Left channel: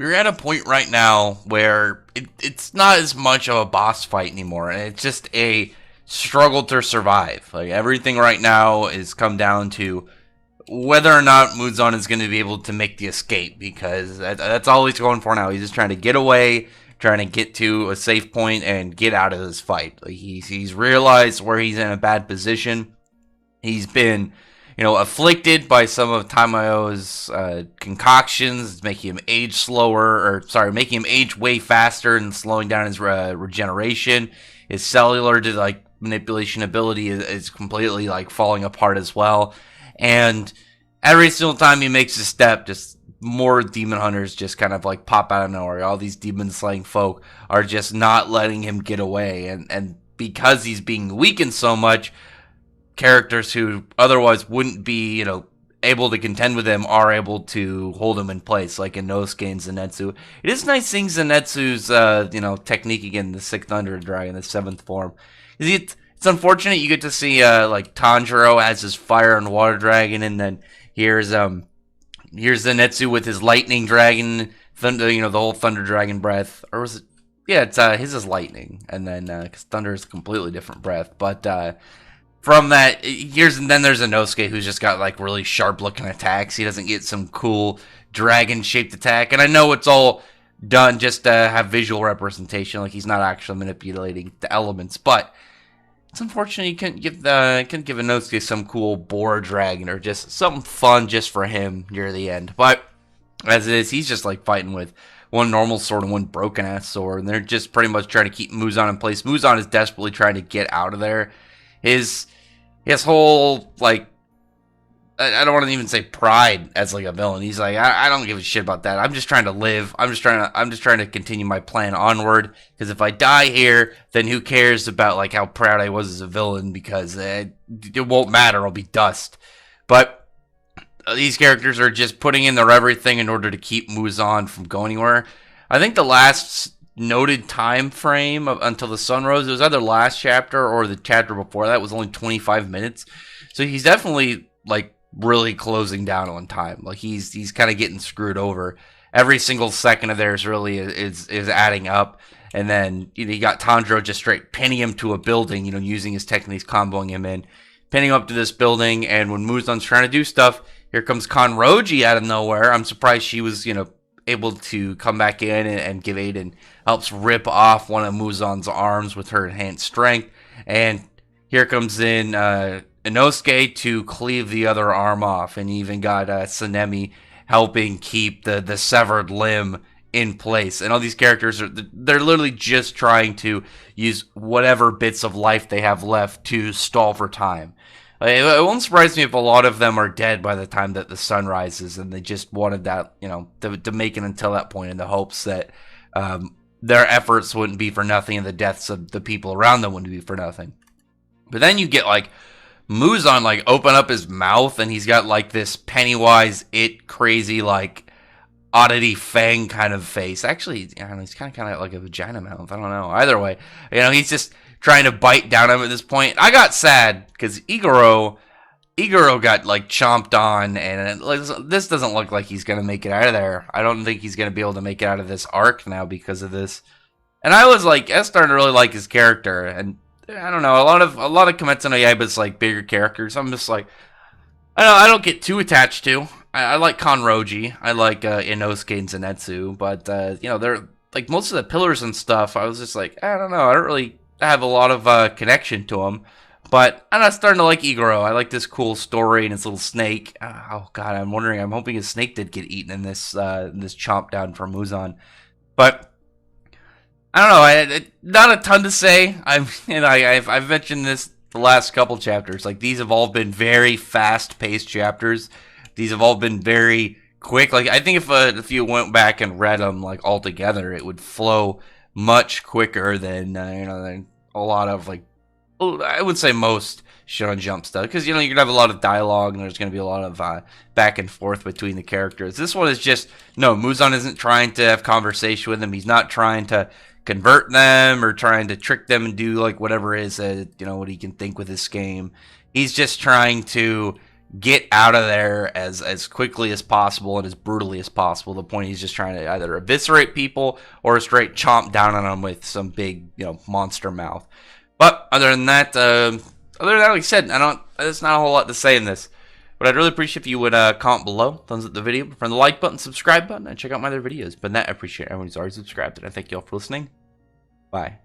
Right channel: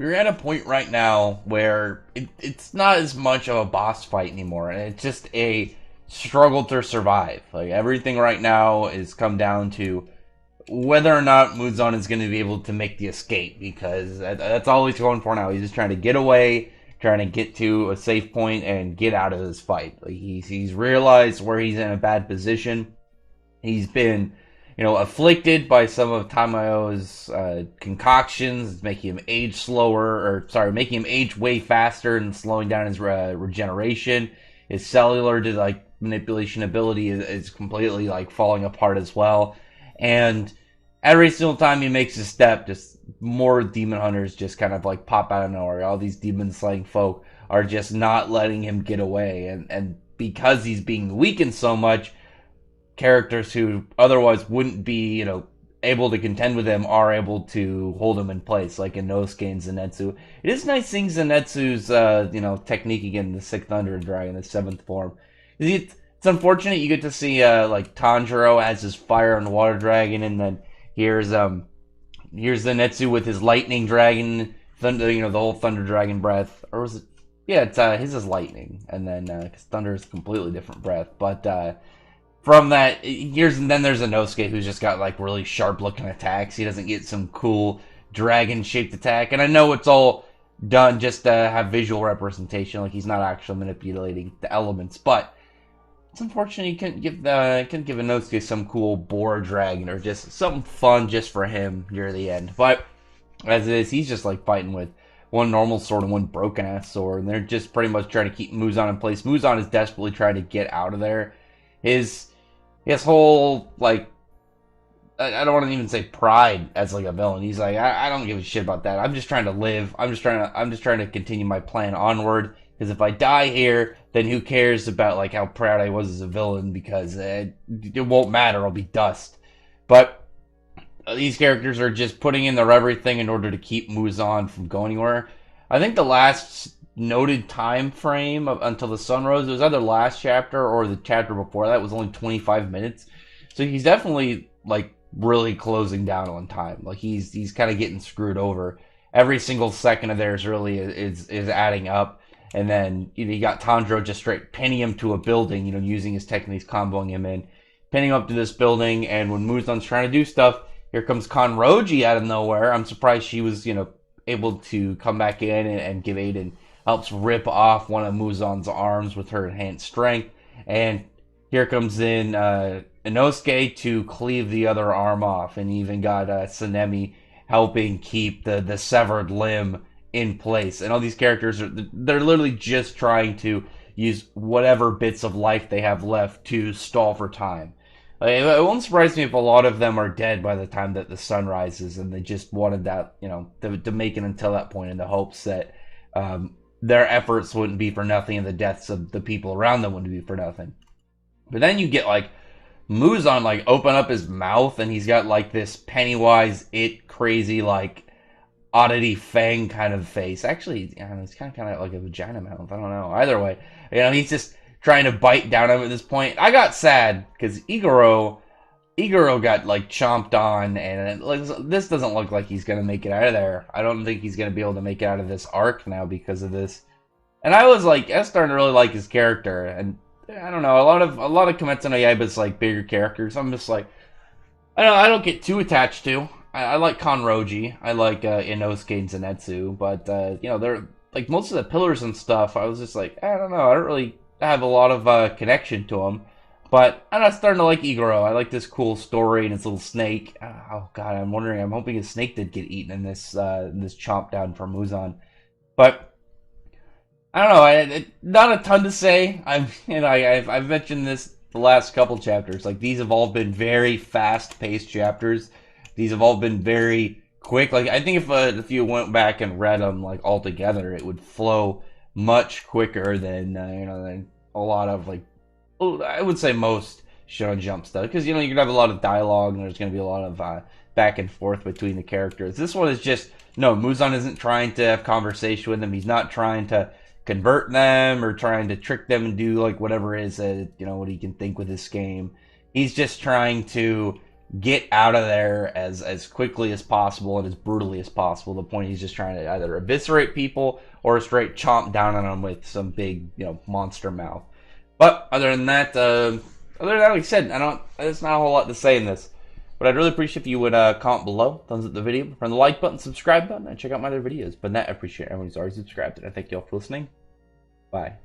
we're at a point right now where it's not as much of a boss fight anymore, and it's just a struggle to survive. Like everything right now is come down to whether or not Muzan is going to be able to make the escape, because that's all he's going for now. He's just trying to get away, trying to get to a safe point and get out of this fight. Like he's realized where he's in a bad position. He's been, afflicted by some of Tamayo's concoctions. It's making him age slower, or sorry, making him age way faster and slowing down his regeneration. His cellular manipulation ability is completely falling apart as well. And every single time he makes a step, just more demon hunters just kind of pop out of nowhere. All these demon slaying folk are just not letting him get away. And because he's being weakened so much, characters who otherwise wouldn't be, able to contend with him are able to hold him in place, like Inosuke and Zenitsu. It is nice seeing Zenitsu's, technique again, the Sixth Thunder Dragon, the seventh form. It's unfortunate you get to see, Tanjiro as his Fire and Water Dragon, and then here's Zenitsu with his Lightning Dragon, Thunder, the whole Thunder Dragon breath, or was it? Yeah, it's his is Lightning, and then because Thunder is a completely different breath, but from that, then there's Inosuke, who's just got really sharp looking attacks. He doesn't get some cool dragon shaped attack, and I know it's all done just to have visual representation, he's not actually manipulating the elements, but it's unfortunate you couldn't give Inosuke some cool boar dragon or just something fun just for him near the end. But as it is, he's just fighting with one normal sword and one broken ass sword, and they're just pretty much trying to keep Muzan in place. Muzan is desperately trying to get out of there. His whole I don't want to even say pride as a villain. He's I don't give a shit about that. I'm just trying to live. I'm just trying to continue my plan onward. Because if I die here, then who cares about how proud I was as a villain? Because it won't matter. I'll be dust. But these characters are just putting in their everything in order to keep Muzan from going anywhere. I think the last noted time frame until the sun rose, it was either last chapter or the chapter before that, was only 25 minutes. So he's definitely really closing down on time. He's kind of getting screwed over. Every single second of theirs really is adding up. And then you got Tanjiro just straight pinning him to a building, using his techniques, comboing him in, pinning him up to this building. And when Muzan's trying to do stuff, here comes Kanroji out of nowhere. I'm surprised she was able to come back in and give aid, and helps rip off one of Muzan's arms with her enhanced strength. And here comes in Inosuke to cleave the other arm off, and even got Tsunemi helping keep the severed limb in place. And all these characters they're literally just trying to use whatever bits of life they have left to stall for time. It won't surprise me if a lot of them are dead by the time that the sun rises, and they just wanted that, to make it until that point in the hopes that their efforts wouldn't be for nothing and the deaths of the people around them wouldn't be for nothing. But then you get Muzan open up his mouth, and he's got this Pennywise it crazy oddity fang kind of face. Actually, I don't know, he's kind of like a vagina mouth. I don't know. Either way, he's just trying to bite down him at this point. I got sad because Igoro got chomped on, and this doesn't look like he's gonna make it out of there. I don't think he's gonna be able to make it out of this arc now because of this. And I was starting to really like his character, and I don't know, a lot of Kimetsu no Yaiba's bigger characters, I'm just I don't get too attached to. I like Kanroji, I like Inosuke and Zenitsu, but they're most of the pillars and stuff. I was just I don't know, I don't really have a lot of connection to them. But I'm not starting to like Igoro. I like this cool story and his little snake. Oh god, I'm hoping his snake did get eaten in this chomp down from Muzan. But I don't know. Not a ton to say. I've mentioned this the last couple chapters. These have all been very fast-paced chapters. These have all been very quick. I think if you went back and read them all together, it would flow much quicker than than a lot of I would say most Shonen Jump stuff, because you're gonna have a lot of dialogue and there's gonna be a lot of back and forth between the characters. This one is just Muzan isn't trying to have conversation with them. He's not trying to convert them or trying to trick them and do whatever it is that what he can think with this game. He's just trying to get out of there as quickly as possible and as brutally as possible. The point, he's just trying to either eviscerate people or straight chomp down on them with some big, monster mouth. But other than that, like I said, there's not a whole lot to say in this. But I'd really appreciate if you would comment below, thumbs up the video, press the like button, subscribe button, and check out my other videos. But that, I appreciate everyone who's already subscribed, and I thank you all for listening. Bye.